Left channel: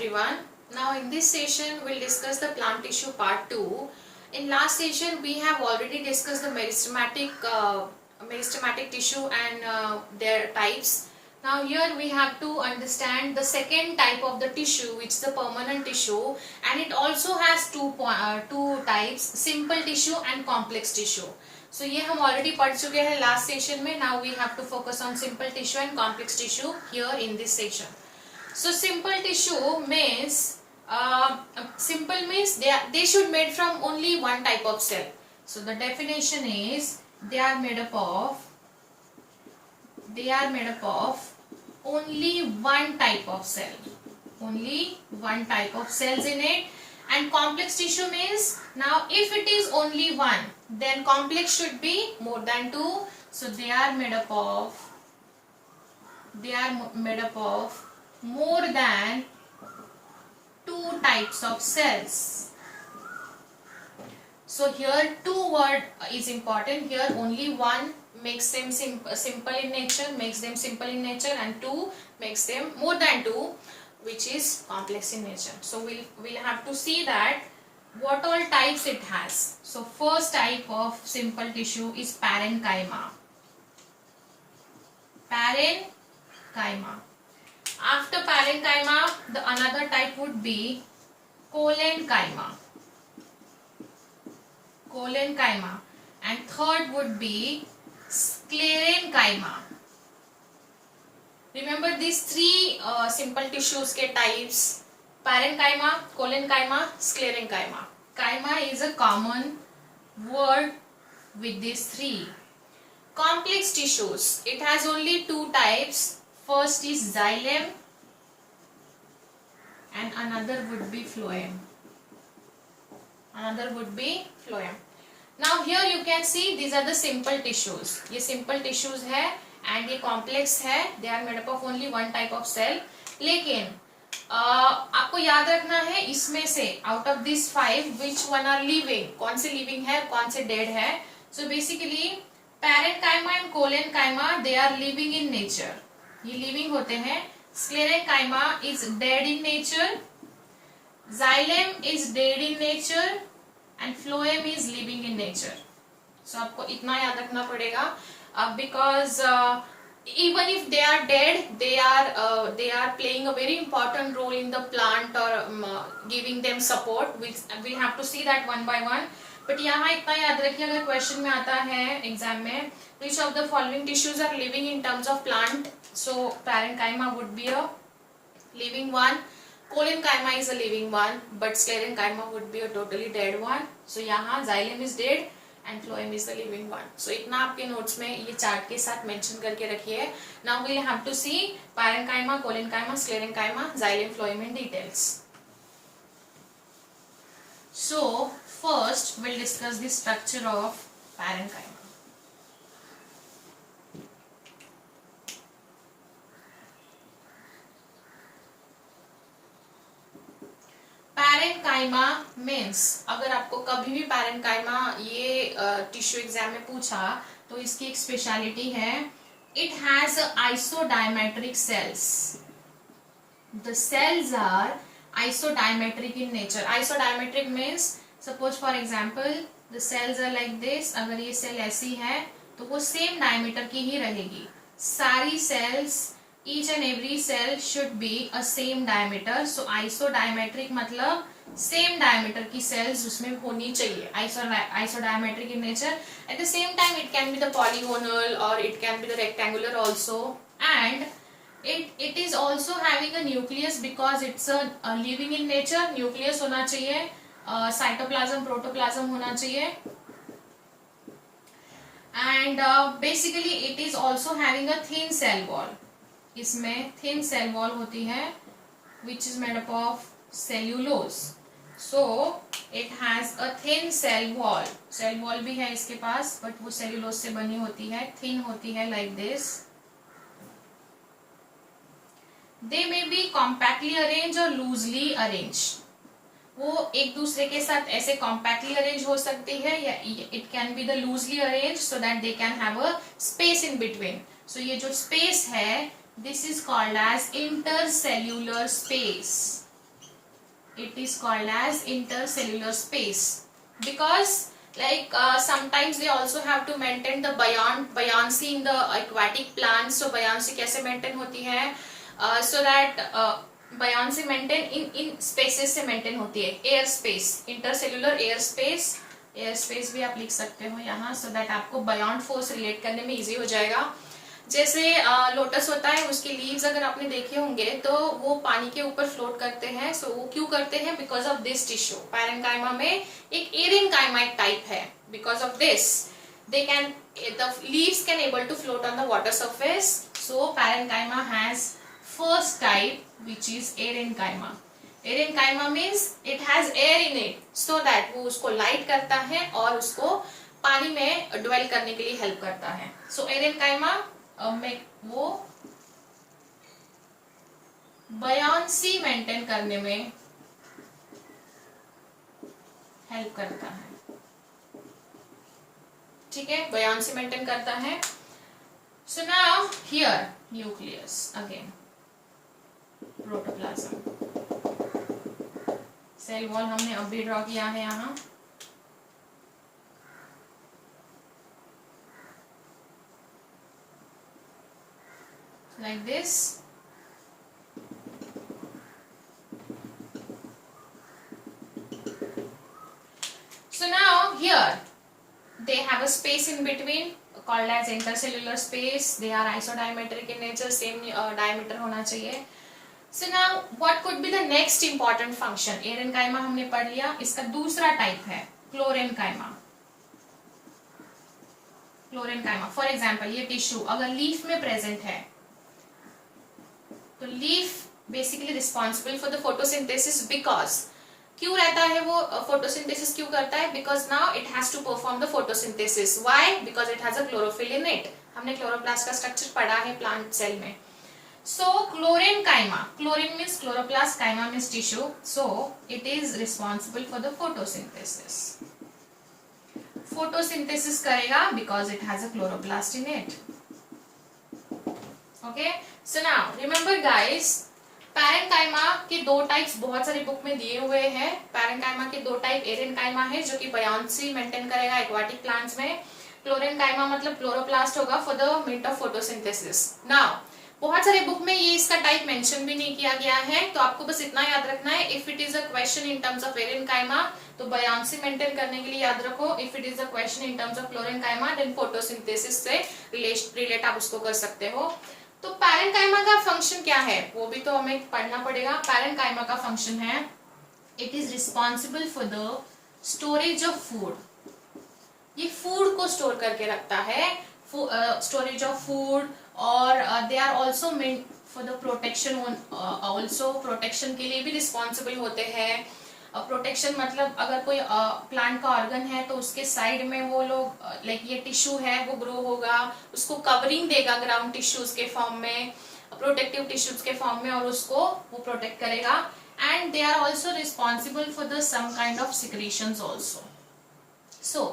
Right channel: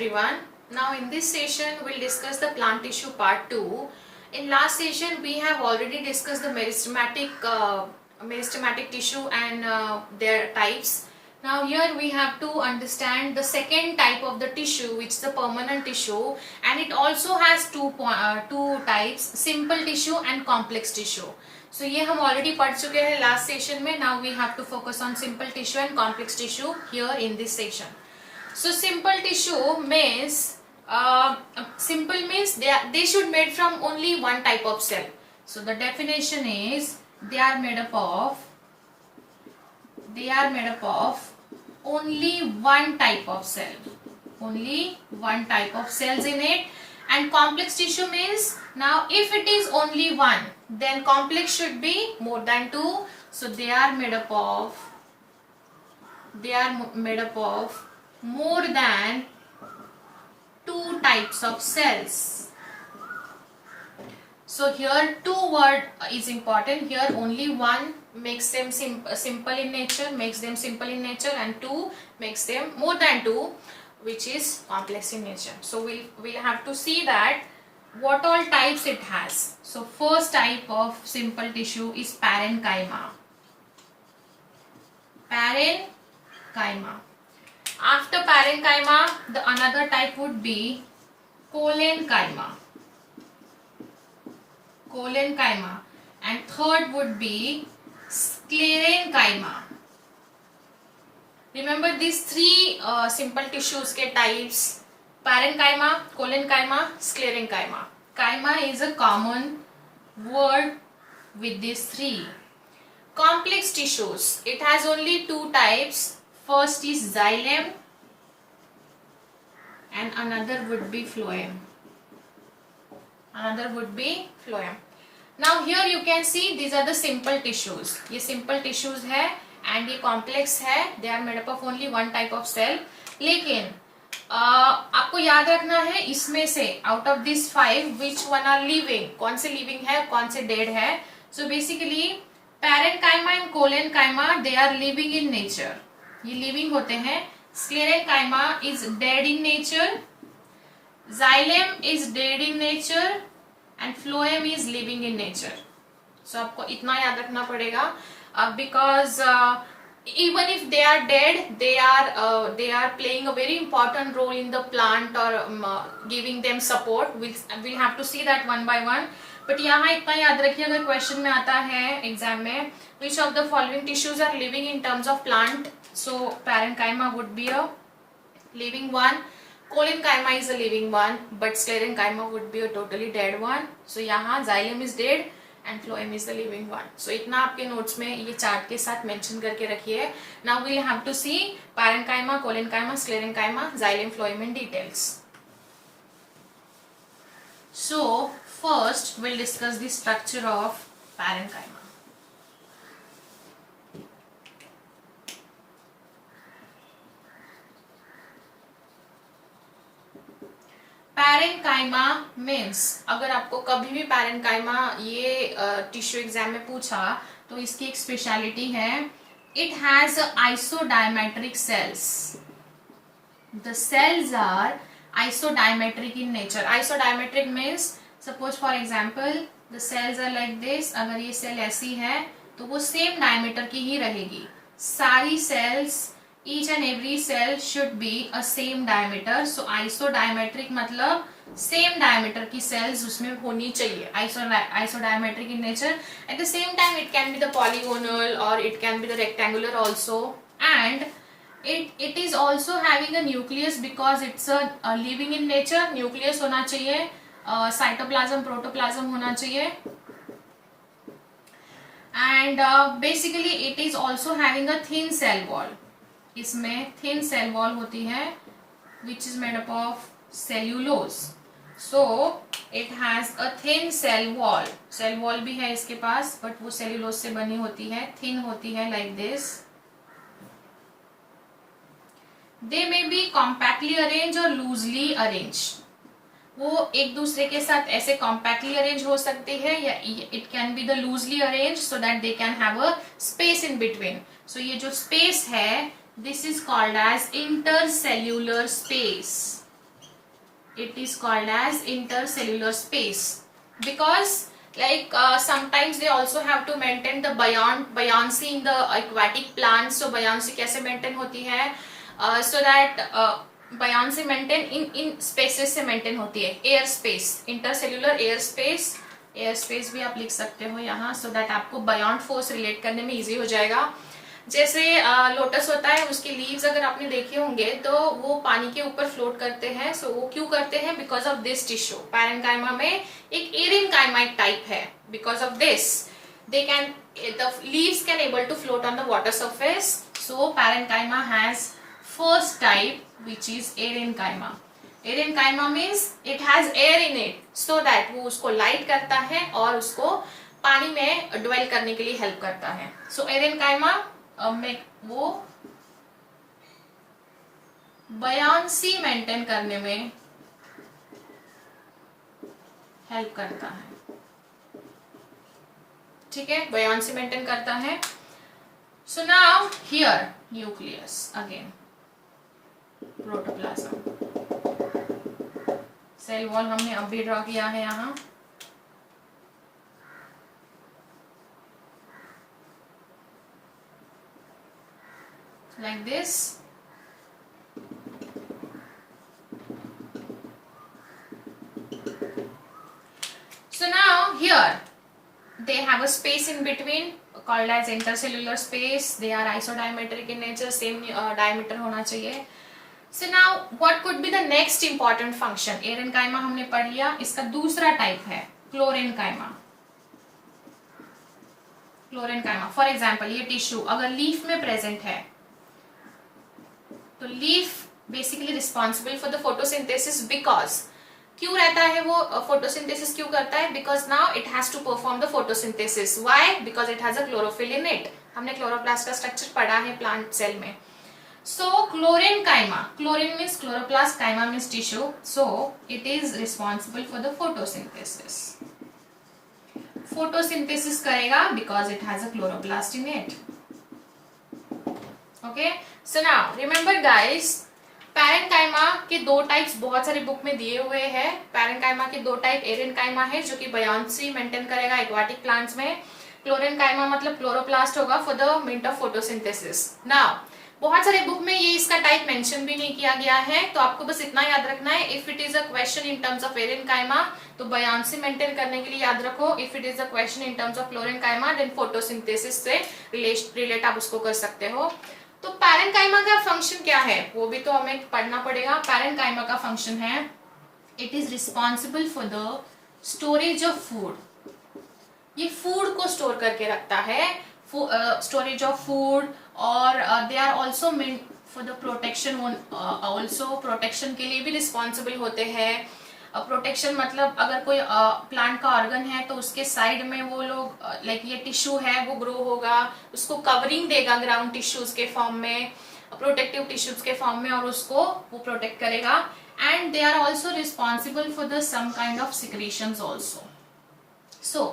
everyone. Now in this session we'll discuss the plant tissue part 2. In last session we have already discussed the meristematic tissue and their types. Now here we have to understand the second type of the tissue, which is the permanent tissue, and it also has two types, simple tissue and complex tissue. So ये हम already पढ़ चुके हैं last session में. Now we have to focus on simple tissue and complex tissue here in this session. So simple tissue means they should made from only one type of cell. So the definition is they are made up of only one type of cell, only one type of cells in it. And complex tissue means, now if it is only one, then complex should be more than two. So they are made up of more than two types of cells. So here two word is important. Here only one makes them simple in nature, and two makes them more than two, which is complex in nature. So we'll have to see that what all types it has. So first type of simple tissue is parenchyma. After parenchyma, the another type would be collenchyma, and third would be sclerenchyma. Remember these three simple tissues के types: parenchyma, collenchyma, sclerenchyma. Chyma is a common word with these three. Complex tissues, it has only two types. First is xylem and another would be phloem. Now here you can see these are the simple tissues. ये simple tissues है and ये complex है. They are made up of only one type of cell. लेकिन आपको याद रखना है इसमें से out of these five which one are living, कौन से living है कौन से dead है. So basically parenchyma and collenchyma they are living in nature. ये लिविंग होते हैं. sclerenchyma is dead in nature, xylem is dead in nature, and phloem is living in nature. So आपको इतना याद रखना पड़ेगा because even if they are dead, they are playing a very important role in the plant or giving them support. We'll have to see that one by one. But यहाँ इतना याद रखिए, अगर क्वेश्चन में आता है एग्जाम में, which of the following tissues are living in terms of plant? So parenchyma would be a living one, collenchyma is a living one, but sclerenchyma would be a totally dead one. So यहाँ xylem is dead and phloem is the living one. So इतना आपके notes में ये chart के साथ mention करके रखिए. Now we'll have to see parenchyma, collenchyma, sclerenchyma, xylem, phloem in details. So first we'll discuss the structure of parenchyma. Parenchyma means, अगर आपको कभी भी पैरेनकाइमा ये टिश्यू एग्जाम में पूछा तो इसकी एक स्पेशलिटी है, it has isodiametric cells. The cells are isodiametric in nature. Isodiametric means suppose for example the cells are like this. अगर ये सेल ऐसी है तो वो सेम डायमीटर की ही रहेगी. सारी sales, each and every cell should be a same diameter. So isodiametric मतलब same diameter की cells उसमें होनी चाहिए. Isodiametric in nature. At the same time it can be the polygonal or it can be the rectangular also, and it is also having a nucleus because it's a living in nature. Nucleus होना चाहिए, cytoplasm, protoplasm होना चाहिए, and basically it is also having a thin cell wall. इसमें thin cell wall होती है which is made up of cellulose. So it has a thin cell wall. Cell wall भी है इसके पास, but वो cellulose से बनी होती है, thin होती है like this. They may be compactly arranged or loosely arranged. वो एक दूसरे के साथ ऐसे compactly arranged हो सकती है, या it can be the loosely arranged so that they can have a space in between. So ये जो space है, this is called as intercellular space. it is called as intercellular space, because sometimes they also have to maintain the buoyancy in the aquatic plants. So buoyancy कैसे maintain होती है, so that buoyancy maintain in spaces से maintain होती है. Air space, intercellular air space भी आप लिख सकते हो यहाँ, so that आपको buoyant force रिलेट करने में easy हो जाएगा. जैसे लोटस होता है, उसके लीव्स अगर आपने देखे होंगे तो वो पानी के ऊपर फ्लोट करते हैं. सो वो क्यों करते हैं? Because of this tissue. Parenchyma में एक एरेन्काइमा टाइप है. Because of this they can, the leaves can able to float on the water surface. So parenchyma has first type which is aerenchyma. Aerenchyma means it has air in it, so that वो उसको light करता है और उसको पानी में dwell करने के लिए हेल्प करता है. सो एरेन्काइमा में वो बयान्सी मेंटेन करने में हेल्प करता है. ठीक है, बयान्सी मेंटेन करता है. So now here nucleus again, protoplasm. Cell wall हमने अब भी ड्रॉ किया है यहाँ. Like this. So now here they have a space in between called as intercellular space. They are isodiametric in nature, same diameter होना चाहिए. So now what could be the next important function? एरेन्काइमा हमने पढ़ लिया. इसका दूसरा type है chlorenchyma. Chlorenchyma for example ये tissue अगर लीफ में प्रेजेंट है तो leaf basically responsible for the photosynthesis. Because क्यों रहता है वो फोटोसिंथेसिस क्यों करता है? Because now it has to perform the photosynthesis. Why? Because it has a chlorophyll in it. हमने क्लोरोप्लास्ट का स्ट्रक्चर पढ़ा है प्लांट सेल में. So chlorenchyma, chlorine means chloroplast, chyma means tissue. So it is responsible for the photosynthesis. Photosynthesis करेगा because it has a chloroplast in it. Okay, so now remember guys, parenchyma के दो types बहुत सारे book में दिए हुए हैं. Parenchyma के दो टाइप, एरेन्काइमा है जो कि बयान्सी मेंटेन करेगा एक्वाटिक प्लांट्स में. क्लोरेन्काइमा मतलब क्लोरोप्लास्ट होगा for the mint of photosynthesis. Now बहुत सारे बुक में ये इसका टाइप मेंशन भी नहीं किया गया है, तो आपको बस इतना याद रखना है. If it is a question in terms of aerenchyma तो बयान्सी मेंटेन करने के लिए याद रखो. If it is a question in terms of chlorenchyma then photosynthesis से रिलेट आप उसको कर सकते हो. तो पैरेन्काइमा का फंक्शन क्या है वो भी तो हमें पढ़ना पड़ेगा. पैरेन्काइमा का फंक्शन है it is responsible for the storage of food. ये फूड को स्टोर करके रखता है, स्टोरेज ऑफ फूड. और they are also meant for the protection. Also protection के लिए भी रिस्पॉन्सिबल होते हैं. प्रोटेक्शन मतलब अगर कोई प्लांट का ऑर्गन है तो उसके साइड में वो लोग लाइक ये टिश्यू है वो ग्रो होगा, उसको कवरिंग देगा ग्राउंड टिश्यूज के फॉर्म में, प्रोटेक्टिव टिश्यूज के फॉर्म में, और उसको वो प्रोटेक्ट करेगा. And they are also responsible for the some kind of secretions also. So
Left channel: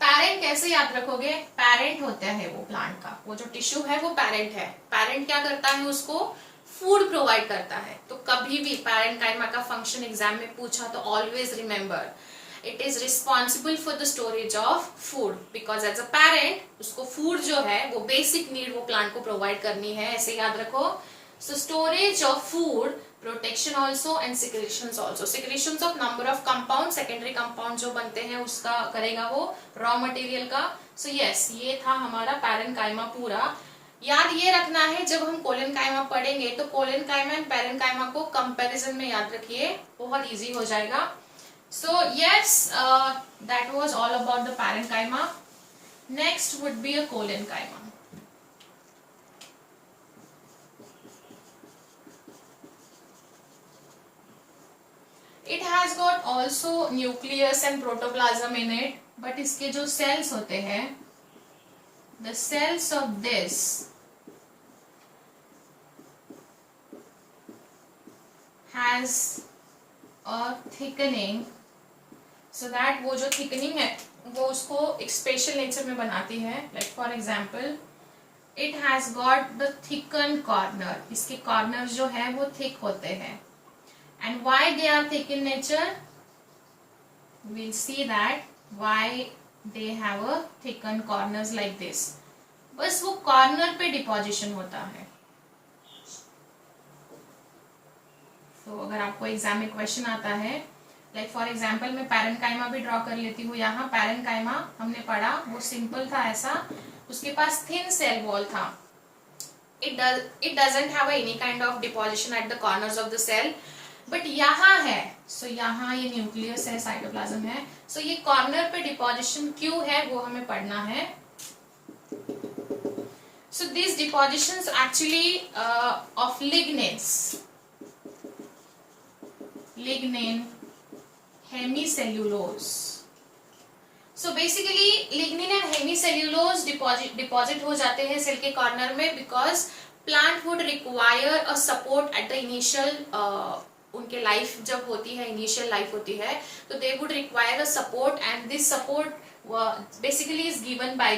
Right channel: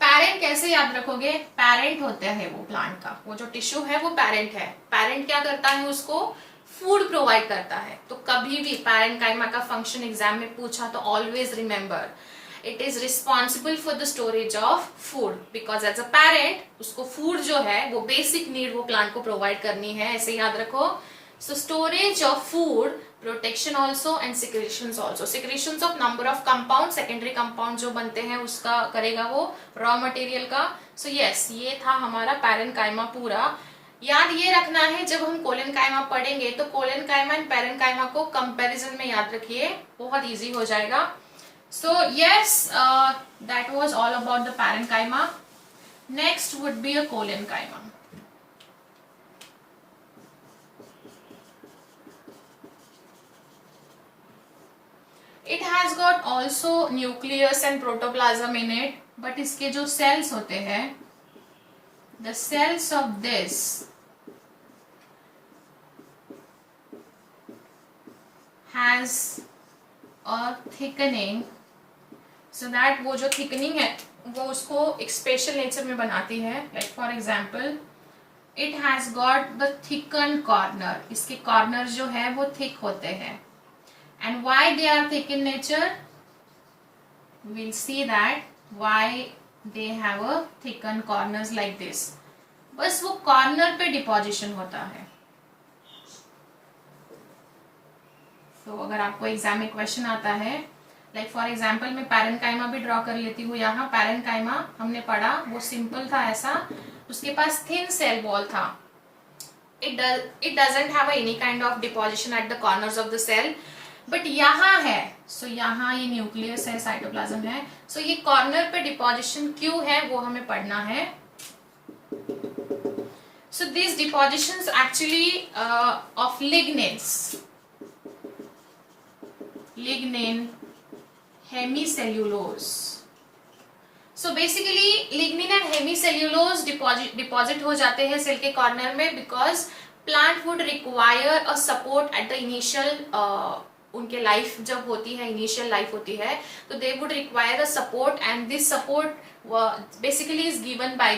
parent कैसे याद रखोगे? पैरेंट होता है वो प्लांट का, वो जो टिश्यू है वो पैरेंट है. पैरेंट क्या करता है? उसको फूड प्रोवाइड करता है. तो कभी भी पैरेन्काइमा का फंक्शन एग्जाम में पूछा तो always remember it is responsible for the storage of food. Because as a parent उसको फूड जो है वो बेसिक नीड वो प्लांट को प्रोवाइड करनी है, ऐसे याद रखो. So storage of food, protection also and secretions also. Secretions of number of compound, secondary compound जो बनते हैं उसका करेगा वो रॉ मटेरियल का. सो यस, ये था हमारा पैरेन्काइमा पूरा. याद ये रखना है जब हम कोलेन्काइमा पढ़ेंगे तो कोलेन्काइमा एंड पैरेन्काइमा को कंपैरिजन में याद रखिए, बहुत इजी हो जाएगा. So yes, that was all about the parenchyma. Next would be a collenchyma. It has got also nucleus and protoplasm in it, but इसके जो सेल्स होते हैं, the cells of this has a thickening, so that वो जो thickening है वो उसको एक स्पेशल नेचर में बनाती है. Like for example it has got the thicken corner. इसके कॉर्नर जो है वो थिक होते हैं. And why they are thick in nature? We'll see that why they have a thickened corners like this. बस वो कॉर्नर पे डिपोजिशन होता है. तो अगर आपको एग्जाम में क्वेश्चन आता है, लाइक फॉर एग्जाम्पल मैं पैरेन्काइमा भी ड्रॉ कर लेती हूँ. यहाँ पैरेन्काइमा हमने पढ़ा, वो सिंपल था ऐसा, उसके पास थिन सेल वॉल था. It doesn't have any kind of deposition at the corners of the cell, but यहाँ है. सो यहाँ ये न्यूक्लियस है, साइटोप्लाज्म है. सो ये कॉर्नर पे डिपोजिशन क्यों है वो हमें पढ़ना है. So this depositions actually of lignins, lignin, hemicellulose. So basically lignin and hemicellulose deposit हो जाते हैं सेल के कॉर्नर में, because plant would require a support at the initial उनके लाइफ जब होती है, इनिशियल लाइफ होती है, तो they would require a support, and this support basically is given by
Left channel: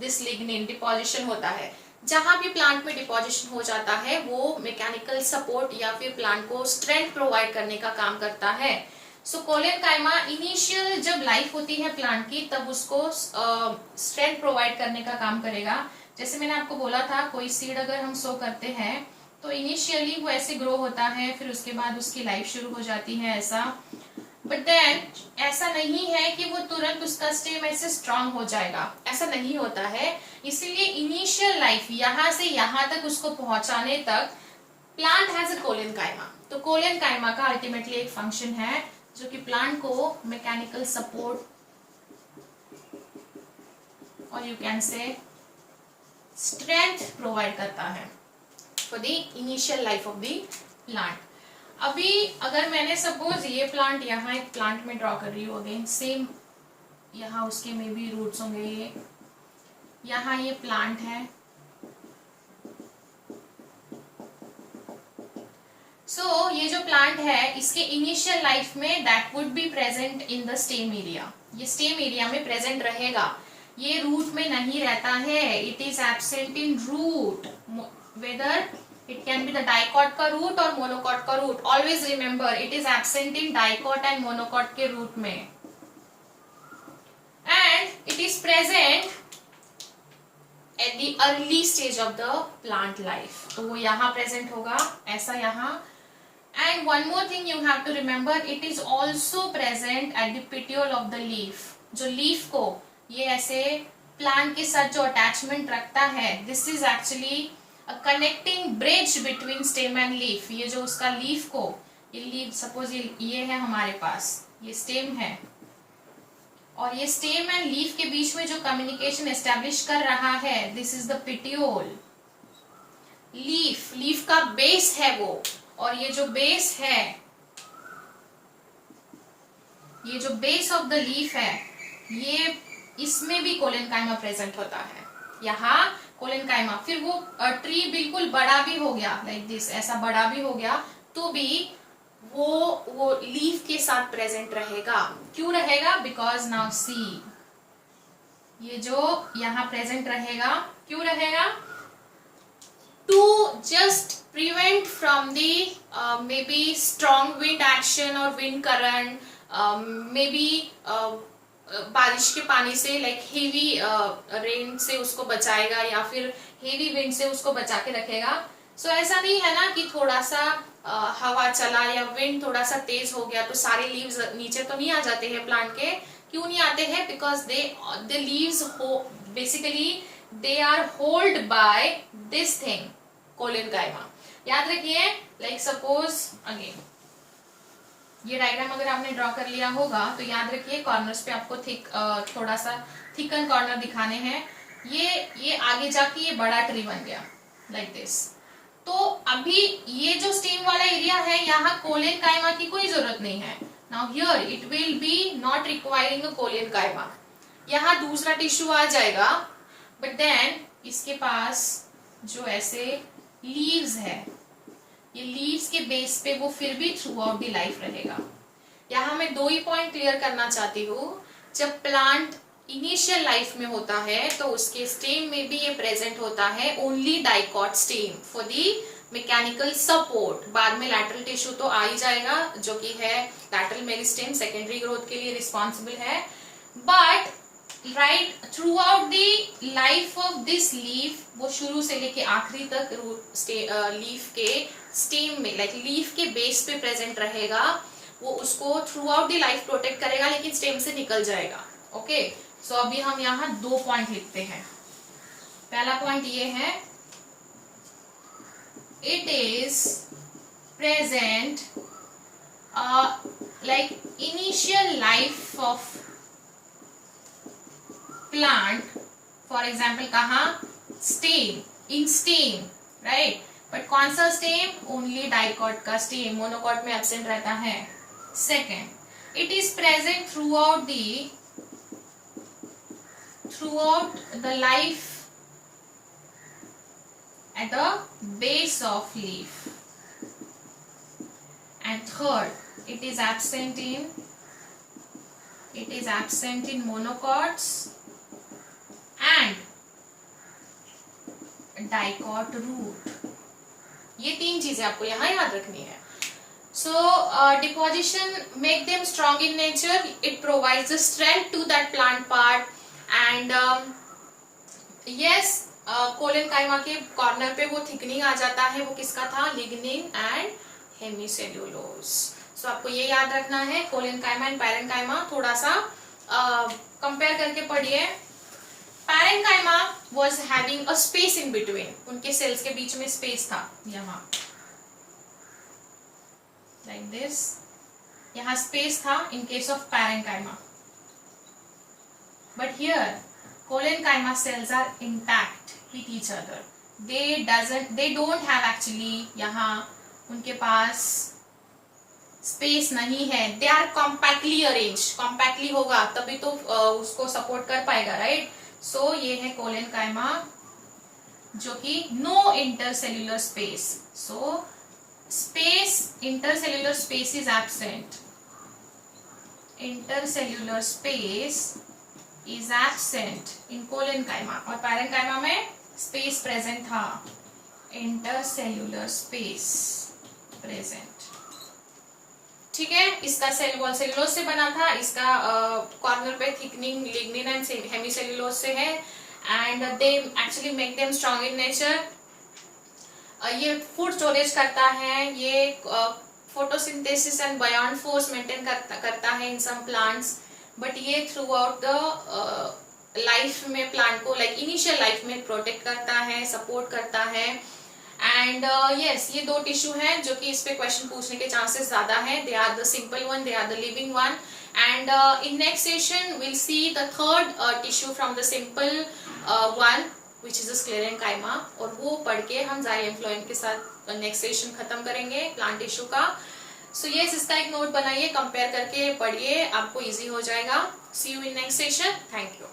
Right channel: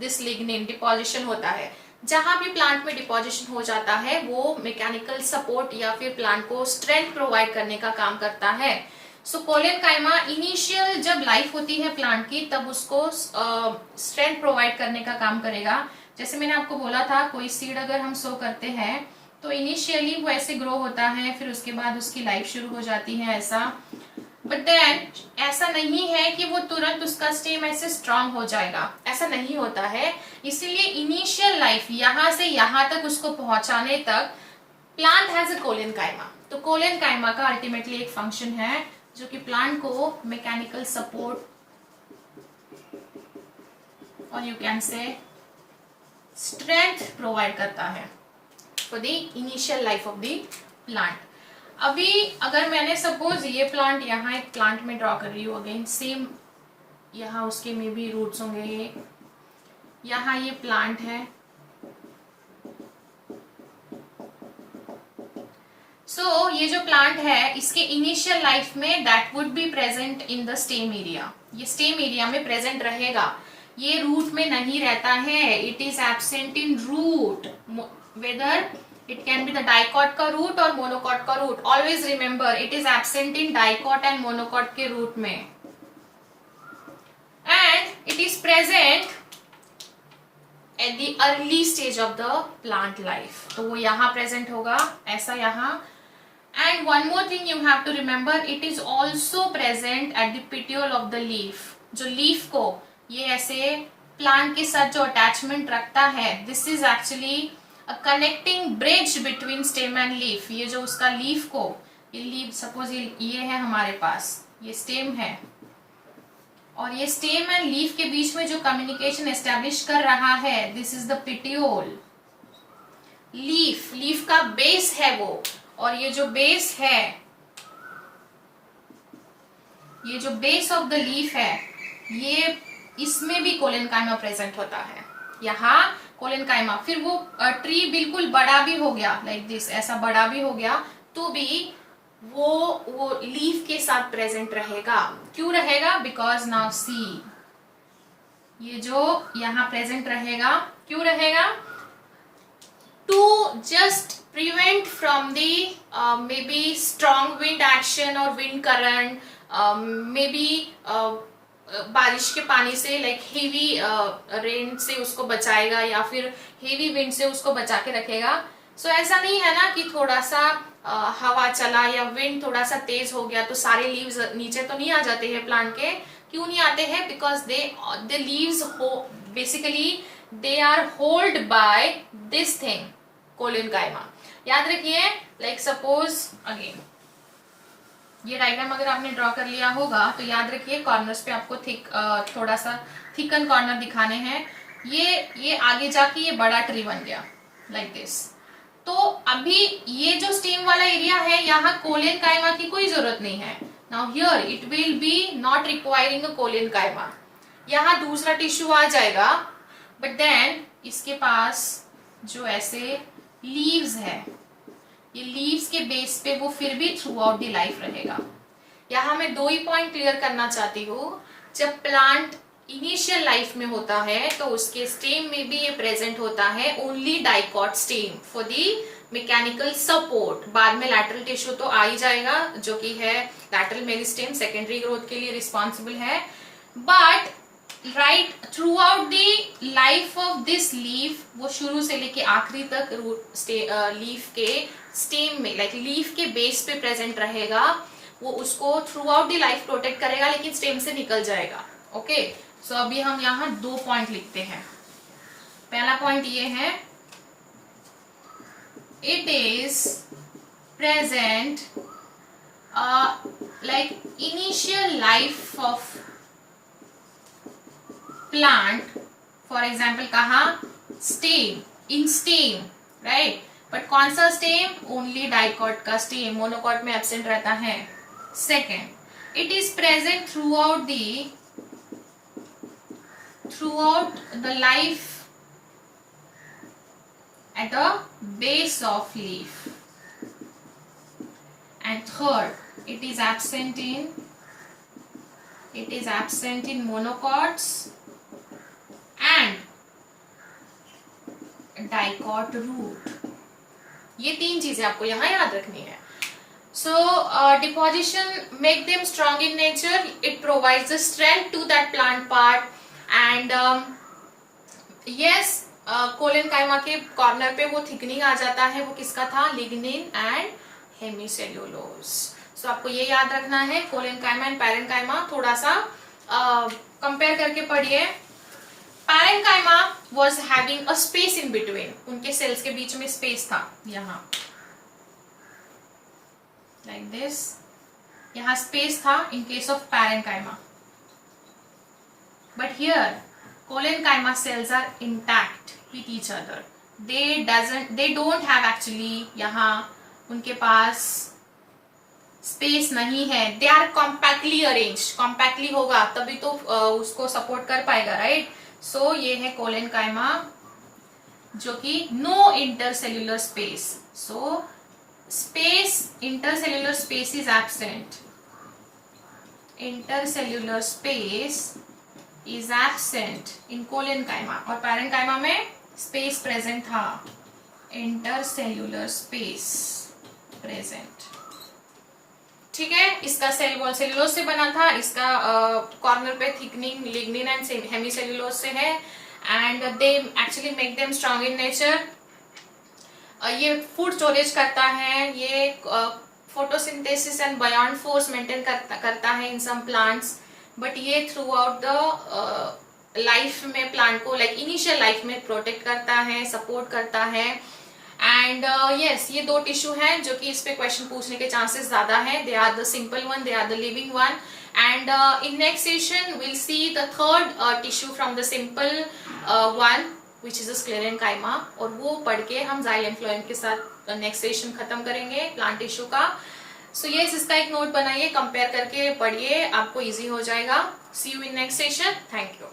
this lignin. Deposition होता है. जहां भी प्लांट में डिपोजिशन हो जाता है वो मैकेनिकल सपोर्ट या फिर प्लांट को स्ट्रेंथ प्रोवाइड करने का काम करता है. सो कोलेनकाइमा इनिशियल जब लाइफ होती है प्लांट की, तब उसको स्ट्रेंथ प्रोवाइड करने का काम करेगा. जैसे मैंने आपको बोला था, कोई सीड अगर हम सो करते हैं तो इनिशियली वो ऐसे ग्रो होता है, फिर उसके बाद उसकी लाइफ शुरू हो जाती है ऐसा. बट देन ऐसा नहीं है कि वो तुरंत उसका स्टेम ऐसे स्ट्रांग हो जाएगा, ऐसा नहीं होता है. इसीलिए इनिशियल लाइफ यहाँ से यहाँ तक उसको पहुंचाने तक प्लांट हैज अ कोलेनकाइमा. तो कोलेनकाइमा का अल्टीमेटली एक फंक्शन है जो कि प्लांट को मैकेनिकल सपोर्ट और you can say strength provide करता है for the initial life of the plant. अभी अगर मैंने सपोज ये प्लांट यहाँ एक प्लांट में ड्रॉ कर रही हूँ, अगेन सेम यहाँ उसके में भी रूट्स होंगे. ये यहाँ ये प्लांट है. सो ये जो प्लांट है इसके इनिशियल लाइफ में that would be present in the stem area. ये स्टेम एरिया में प्रेजेंट रहेगा, ये रूट में नहीं रहता है. It is absent in root, whether it can be the dicot का root और monocot का root. Always remember it is absent in dicot and monocot के root में, and it is present at the early stage of the plant life. तो वो यहाँ present होगा ऐसा यहाँ. And one more thing you have to remember, it is also present at the petiole of the leaf. जो leaf को ये ऐसे plant के साथ जो attachment रखता है, this is actually a connecting bridge between stem and leaf. ये जो उसका leaf को, ये leaf suppose ये है हमारे पास, ये stem है, और ये stem and leaf के बीच में जो communication establish कर रहा है, this is the petiole. leaf का base है वो, और ये जो base है, ये जो base of the leaf है, ये इसमें भी कोलेनकाइमा प्रेजेंट होता है. यहाँ कोलेनकाइमा, फिर वो ट्री बिल्कुल बड़ा भी हो गया, लाइक दिस, ऐसा बड़ा भी हो गया, तो भी वो लीफ के साथ प्रेजेंट रहेगा. क्यों रहेगा? बिकॉज नाउ सी, ये जो यहाँ प्रेजेंट रहेगा, क्यों रहेगा? To just prevent from the may be strong wind action और विंड करंट, मे बी बारिश के पानी से, लाइक हेवी रेन से उसको बचाएगा, या फिर हेवी विंड से उसको बचा के रखेगा. सो ऐसा नहीं है ना कि थोड़ा सा हवा चला या विंड थोड़ा सा तेज हो गया तो सारे लीव्स नीचे तो नहीं आ जाते हैं प्लांट के. क्यों नहीं आते हैं? Because they leaves basically they are hold by this thing, collenchyma. याद रखिए, लाइक सपोज अगेन ये डायग्राम अगर आपने ड्रॉ कर लिया होगा तो याद रखिए कॉर्नर्स पे आपको थोड़ा सा थिकन कॉर्नर दिखाने हैं. ये आगे जाके ये बड़ा ट्री बन गया लाइक दिस. तो अभी ये जो स्टेम वाला एरिया है, यहाँ कोलेनकाइमा की कोई जरूरत नहीं है. Now here it will be not requiring a collenchyma. यहाँ दूसरा टिश्यू आ जाएगा, बट देन इसके पास जो ऐसे लीव्स है, ये लीव्स के बेस पे वो फिर भी थ्रू आउट दी लाइफ रहेगा. यहाँ मैं दो ही पॉइंट क्लियर करना चाहती हूँ. जब प्लांट इनिशियल लाइफ में होता है तो उसके स्टेम में भी ये प्रेजेंट होता है, only dicot stem. For the mechanical support, बाद में लैटरल टिश्यू तो आ ही जाएगा जो कि है लैटरल मेरिस्टेम, सेकेंडरी ग्रोथ के लिए रिस्पॉन्सिबल है। But right through out the life of this leaf, वो शुरू से लेके आखिरी तक लीफ के स्टेम में, लाइक लीफ के बेस पे प्रेजेंट रहेगा, वो उसको through out the life protect करेगा, लेकिन स्टेम से निकल जाएगा। ओके, सो अभी हम यहाँ 2 पॉइंट लिखते हैं। पहला पॉइंट ये है, it is present like initial life of plant, for example कहा stem, in stem, right, but कौन सा स्टेम? ओनली डाइकॉट का स्टेम, मोनोकॉट में एब्सेंट रहता है। Second, it is present throughout the life at the base of leaf, and third, it is absent in monocots and dicot root। ये 3 चीजें आपको यहाँ याद रखनी है। So deposition make them strong in nature, it provides the strength to that plant part, and yes, collenchyma के corner पे वो थिकनिंग आ जाता है, वो किसका था? Lignin and hemicellulose. सो आपको ये याद रखना है, कोलेनकाइमा एंड पैरेन्काइमा थोड़ा सा कंपेयर करके पढ़िए। Parenchyma was having a space in between, उनके सेल्स के बीच में स्पेस था, यहाँ लाइक दिस, यहाँ स्पेस था in case of parenchyma. But here collenchyma cells are intact with each other. They don't have actually, यहाँ उनके पास स्पेस नहीं है, they are compactly arranged, compactly होगा तभी तो उसको सपोर्ट कर पाएगा, राइट। सो ये है कोलेनकाइमा जो कि no intercellular space, so space, intercellular space is absent, intercellular space is absent in collenchyma, और पैरेन्काइमा में स्पेस प्रेजेंट था, इंटरसेल्युलर स्पेस प्रेजेंट। ठीक है, इसका सेल वॉल सेल्यूलोज से बना था, इसका कॉर्नर पे थिकनिंग लिग्निन एंड हेमीसेल्यूलोज से है, and they actually make them strong in nature. ये फूड स्टोरेज करता है, ये फोटोसिंथेसिस एंड बयान फोर्स मेंटेन करता है इन सम प्लांट्स, बट ये थ्रू आउट द लाइफ में प्लांट को, लाइक इनिशियल लाइफ में प्रोटेक्ट करता है, सपोर्ट करता है। एंड यस, ये 2 टिश्यू हैं जो कि इस पे क्वेश्चन पूछने के चांसेस ज्यादा है। They are the simple one, they are the living one, and in next session will see the third tissue from the simple one which is sclerenchyma, और वो पढ़ के हम जाइलम फ्लोएम के साथ नेक्स्ट सेशन खत्म करेंगे प्लांट टिश्यू का। सो यस, इसका एक नोट बनाइए, कंपेयर करके पढ़िए, आपको इजी हो जाएगा। See you in next session, thank you.